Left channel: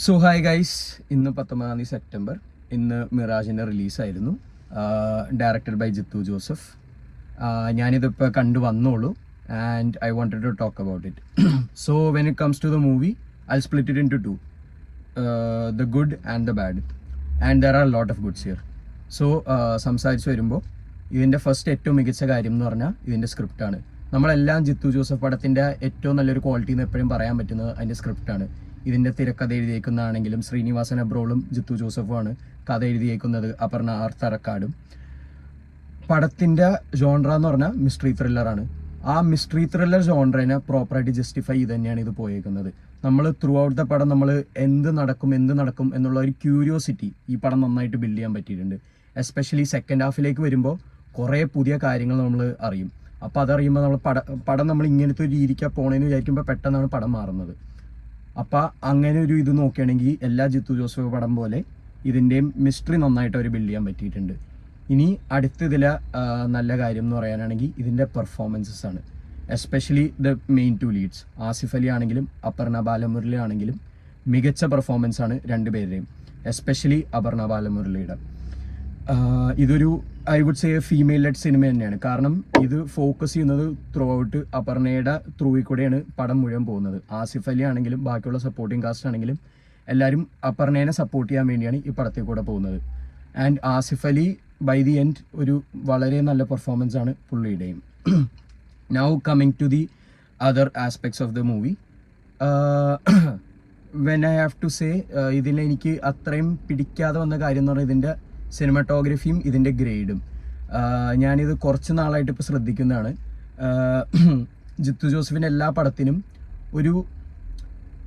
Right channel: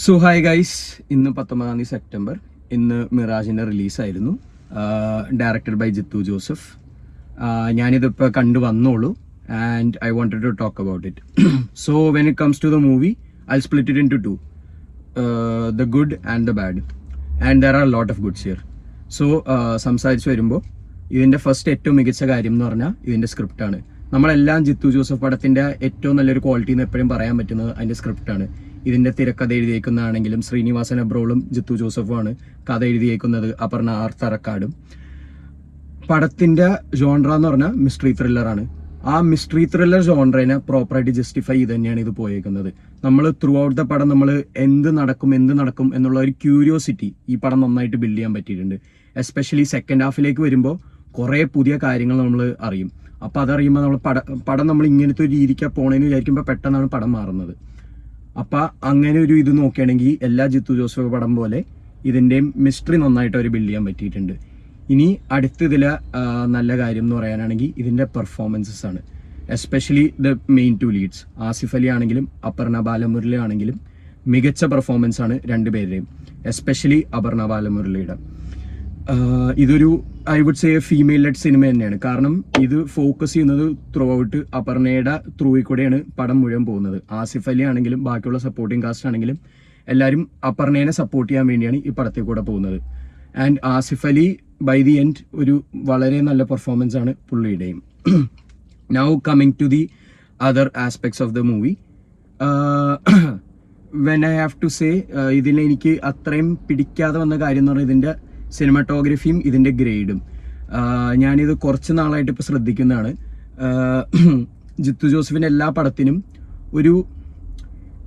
So hi guys, ഇന്ന് 19 September. ഇന്ന് മിറാജിൻ്റെ റിലീസായിരുന്നു, ഡയറക്റ്റഡ് ബൈ ജിത്തു ജോസഫ്. ഞാനിതിപ്പോൾ കണ്ടു വന്നോളൂ and I wanted to talk about it. So when it comes to the movie, I split it into two, the good and the bad, and there are lot of goods here. So സംസാരിച്ച് വരുമ്പോൾ ഇതിൻ്റെ first ഏറ്റവും മികച്ച കാര്യം എന്ന് പറഞ്ഞാൽ ഇതിൻ്റെ സ്ക്രിപ്റ്റാണ്. നമ്മളെല്ലാം ജിത്തു ജോസഫ് പടത്തിൻ്റെ ഏറ്റവും നല്ലൊരു ക്വാളിറ്റി എന്ന് എപ്പോഴും പറയാൻ പറ്റുന്നത് അതിൻ്റെ സ്ക്രിപ്റ്റാണ്. ഇതിൻ്റെ തിരക്കഥ എഴുതിയേക്കുന്നതാണെങ്കിലും ശ്രീനിവാസൻ അബ്രോളും ജിത്തു ജോസഫുമാണ് കഥ എഴുതിയേക്കുന്നത്, അപർണ ആർ തറക്കാടും. പടത്തിൻ്റെ ജോൺറ എന്ന് പറഞ്ഞാൽ മിസ്റ്ററി ത്രില്ലറാണ്. ആ മിസ്റ്ററി ത്രില്ലർ ജോൺറേനെ പ്രോപ്പറായിട്ട് ജസ്റ്റിഫൈ ചെയ്ത് തന്നെയാണ് ഇത് പോയേക്കുന്നത്. നമ്മൾ ത്രൂ ഔട്ട് ദ പടം നമ്മൾ എന്ത് നടക്കും എന്നുള്ള ഒരു ക്യൂരിയോസിറ്റി ഈ പടം നന്നായിട്ട് ബിൽഡ് ചെയ്യാൻ പറ്റിയിട്ടുണ്ട്. എസ്പെഷ്യലി സെക്കൻഡ് ഹാഫിലേക്ക് വരുമ്പോൾ കുറേ പുതിയ കാര്യങ്ങൾ നമ്മൾ അറിയും. അപ്പോൾ അതറിയുമ്പോൾ നമ്മൾ പടം നമ്മൾ ഇങ്ങനത്തെ ഒരു രീതിക്കാണ് പോണേന്ന് വിചാരിക്കുമ്പോൾ പെട്ടെന്നാണ് പടം മാറുന്നത്. അപ്പം അങ്ങനെ ഒരു ഇത് നോക്കുകയാണെങ്കിൽ എല്ലാ ജിത്തു ജോസഫ് പടം പോലെ ഇതിൻ്റെയും മിസ്റ്ററി നന്നായിട്ട് അവർ ബിൽഡ് ചെയ്യാൻ പറ്റിയിട്ടുണ്ട്. ഇനി അടുത്തതിലെ നല്ല കാര്യം എന്ന് പറയാനാണെങ്കിൽ ഇതിൻ്റെ പെർഫോമൻസസ് ആണ്. Especially the main two leads, Asif Ali ആണെങ്കിലും അപർണ ബാലമുരളി ആണെങ്കിലും മികച്ച പെർഫോമൻസ് ആണ് രണ്ടുപേരുടെയും. എസ്പെഷ്യലി അപർണ ബാലമുരളിയുടെ. ഇതൊരു I would say female lead സിനിമ തന്നെയാണ്. കാരണം ഇത് ഫോക്കസ് ചെയ്യുന്നത് ത്രൂ ഔട്ട് അപർണയുടെ ത്രൂയിൽ കൂടെയാണ് പടം മുഴുവൻ പോകുന്നത്. ആസിഫ് അലി ആണെങ്കിലും ബാക്കിയുള്ള സപ്പോർട്ടിങ് കാസ്റ്റ് ആണെങ്കിലും എല്ലാവരും അപർണയെ സപ്പോർട്ട് ചെയ്യാൻ വേണ്ടിയാണ് ഈ പടത്തിൽ കൂടെ പോകുന്നത്. And Asif Ali by the end ഒരു വളരെ നല്ല പെർഫോമൻസ് ആണ് പുള്ളിയുടെയും. Now coming to the other aspects of the movie, when I have to say ഇതിൽ എനിക്ക് അത്രയും പിടിക്കാതെ വന്ന കാര്യം എന്ന് പറഞ്ഞാൽ ഇതിൻ്റെ സിനിമാറ്റോഗ്രഫിയും ഇതിൻ്റെ ഗ്രേഡും. ഞാനിത് കുറച്ച് നാളായിട്ട് ഇപ്പോൾ ശ്രദ്ധിക്കുന്നതാണ്. ജിത്തു ജോസഫിൻ്റെ എല്ലാ പടത്തിനും ഒരു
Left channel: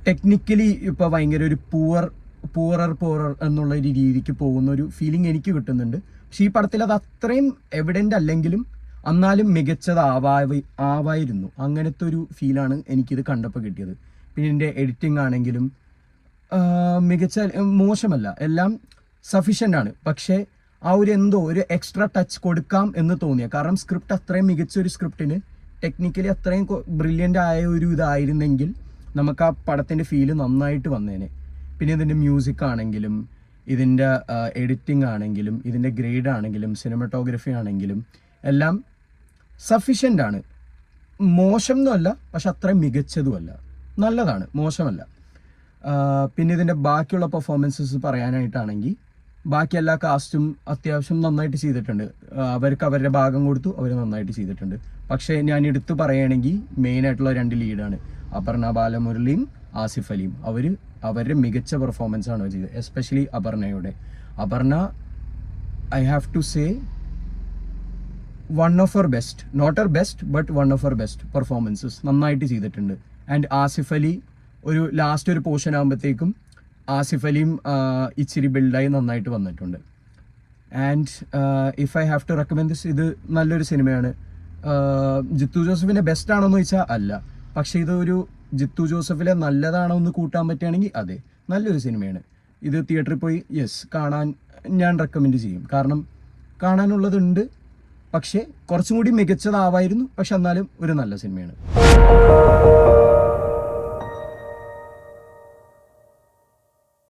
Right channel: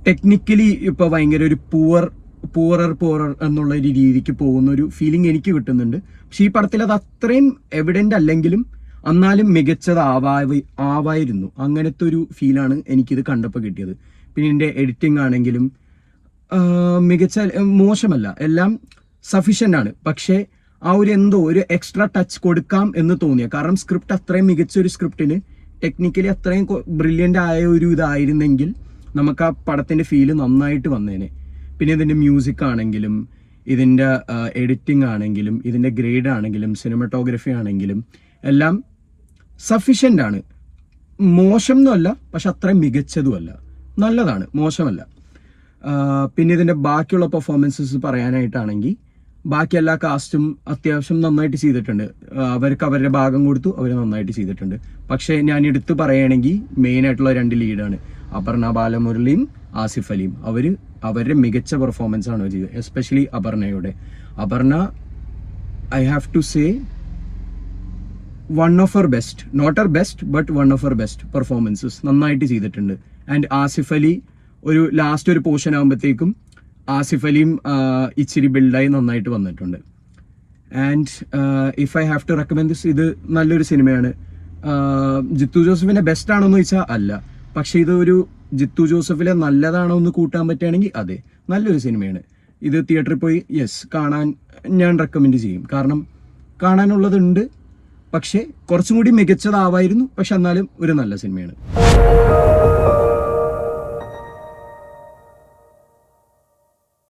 ടെക്നിക്കലി ഇപ്പോൾ ഭയങ്കര ഒരു പൂറർ എന്നുള്ള ഒരു രീതിക്ക് പോകുന്ന ഒരു ഫീലിംഗ് എനിക്ക് കിട്ടുന്നുണ്ട്. പക്ഷെ ഈ പടത്തിൽ അത് അത്രയും എവിഡൻ്റ് അല്ലെങ്കിലും എന്നാലും ആവായിരുന്നു. അങ്ങനത്തെ ഒരു ഫീലാണ് എനിക്കിത് കണ്ടപ്പോൾ കിട്ടിയത്. പിന്നെ ഇതിൻ്റെ എഡിറ്റിംഗ് ആണെങ്കിലും മോശമല്ല, എല്ലാം സഫീഷ്യൻ്റ് ആണ്. പക്ഷേ ആ ഒരു എക്സ്ട്രാ ടച്ച് കൊടുക്കാം എന്ന് തോന്നിയ, കാരണം സ്ക്രിപ്റ്റ് അത്രയും മികച്ചൊരു സ്ക്രിപ്റ്റിന് ടെക്നിക്കലി അത്രയും ബ്രില്യൻ്റ് ആയ ഒരു ഇതായിരുന്നെങ്കിൽ നമുക്ക് ആ പടത്തിൻ്റെ ഫീല് നന്നായിട്ട് വന്നേനെ. പിന്നെ ഇതിൻ്റെ മ്യൂസിക് ആണെങ്കിലും ഇതിൻ്റെ എഡിറ്റിംഗ് ആണെങ്കിലും ഇതിൻ്റെ ഗ്രേഡ് ആണെങ്കിലും സിനിമാറ്റോഗ്രഫി ആണെങ്കിലും എല്ലാം സഫീഷ്യൻ്റ് ആണ്. മോശം എന്നല്ല, പക്ഷെ അത്രയും മികച്ചതുമല്ല, നല്ലതാണ്, മോശമല്ല. പിന്നെ ഇതിൻ്റെ ബാക്കിയുള്ള പെർഫോമൻസസ് പറയാനായിട്ടാണെങ്കിൽ ബാക്കി എല്ലാ കാസ്റ്റും അത്യാവശ്യം നന്നായിട്ട് ചെയ്തിട്ടുണ്ട്. അവർക്ക് അവരുടെ ഭാഗം കൊടുത്തു, അവർ നന്നായിട്ട് ചെയ്തിട്ടുണ്ട്. പക്ഷേ ഞാൻ എടുത്തു പറയുകയാണെങ്കിൽ മെയിനായിട്ടുള്ള രണ്ട് ലീഡാണ് അപർണ ബാലമുരളിയും ആസിഫ് അലിയും. അവരുടെ മികച്ച പെർഫോമൻസ് ആണ് ചെയ്തത്. Especially Aparna I have to say one of her best, not her best but one of her best performances നന്നായിട്ട് ചെയ്തിട്ടുണ്ട്. ആൻഡ് ആസിഫ് അലി ഒരു ലാസ്റ്റ് ഒരു പോർഷൻ ആകുമ്പോഴത്തേക്കും ആസിഫ് അലിയും ഇച്ചിരി ബിൽഡായി നന്നായിട്ട് വന്നിട്ടുണ്ട്. And if I have to recommend this, ഇത് നല്ലൊരു സിനിമയാണ്. ജിത്തു ജോസഫിൻ്റെ ബെസ്റ്റ് ആണോ എന്ന് ചോദിച്ചാൽ അല്ല, പക്ഷേ ഇത് ഒരു ജിത്തു ജോസഫിലെ നല്ലതാണോ എന്ന് കൂട്ടാൻ പറ്റുകയാണെങ്കിൽ അതെ, നല്ലൊരു സിനിമയാണ്. ഇത് തിയേറ്ററിൽ പോയി കാണാൻ ഞാൻ റെക്കമെൻഡ് ചെയ്യും. കാരണം കാണാനുള്ളതുണ്ട്, പക്ഷേ കുറച്ചും കൂടി മികച്ചതാവായിരുന്നു. പക്ഷെ എന്നാലും ഒരു നല്ല സിനിമയാണ്.